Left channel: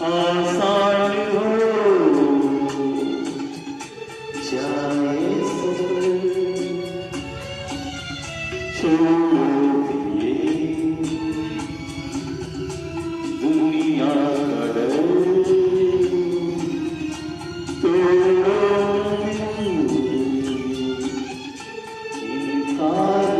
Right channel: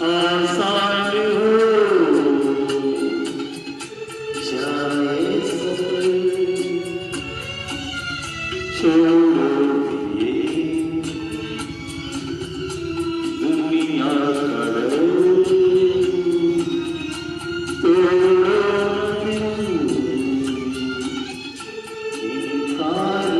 आसान हो जाए सफर, छोड़ो ये दुनिया का डर, तोड़ो इनकार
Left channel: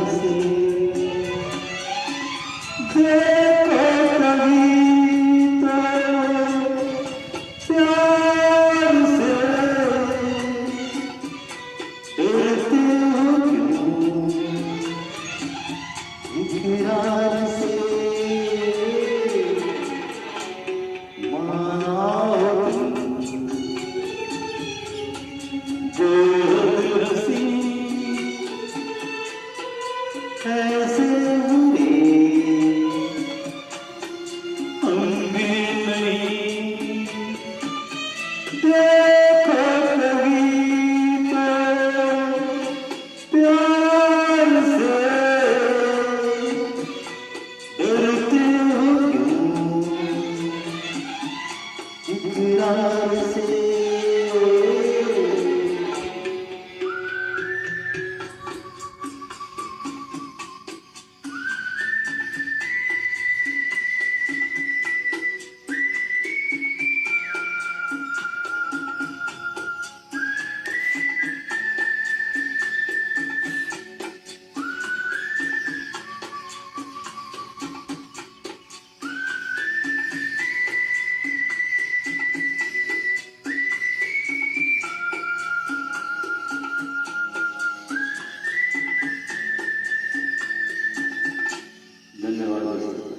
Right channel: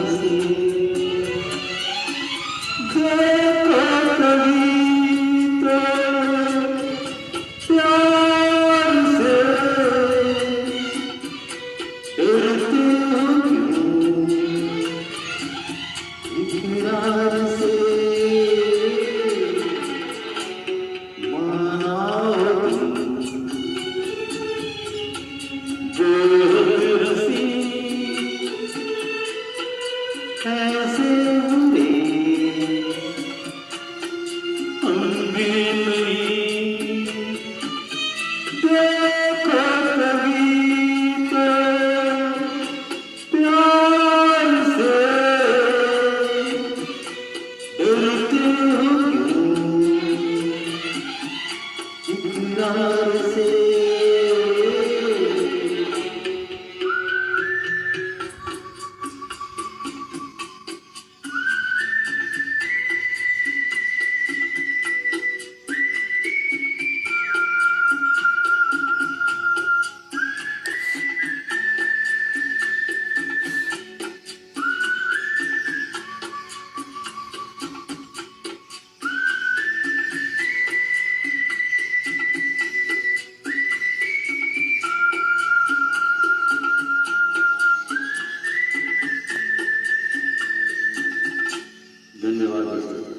से, ऐसे हुए हमने नहीं देखा कभी तो प्यार से डरते हो इकरार से। धन्यवाद।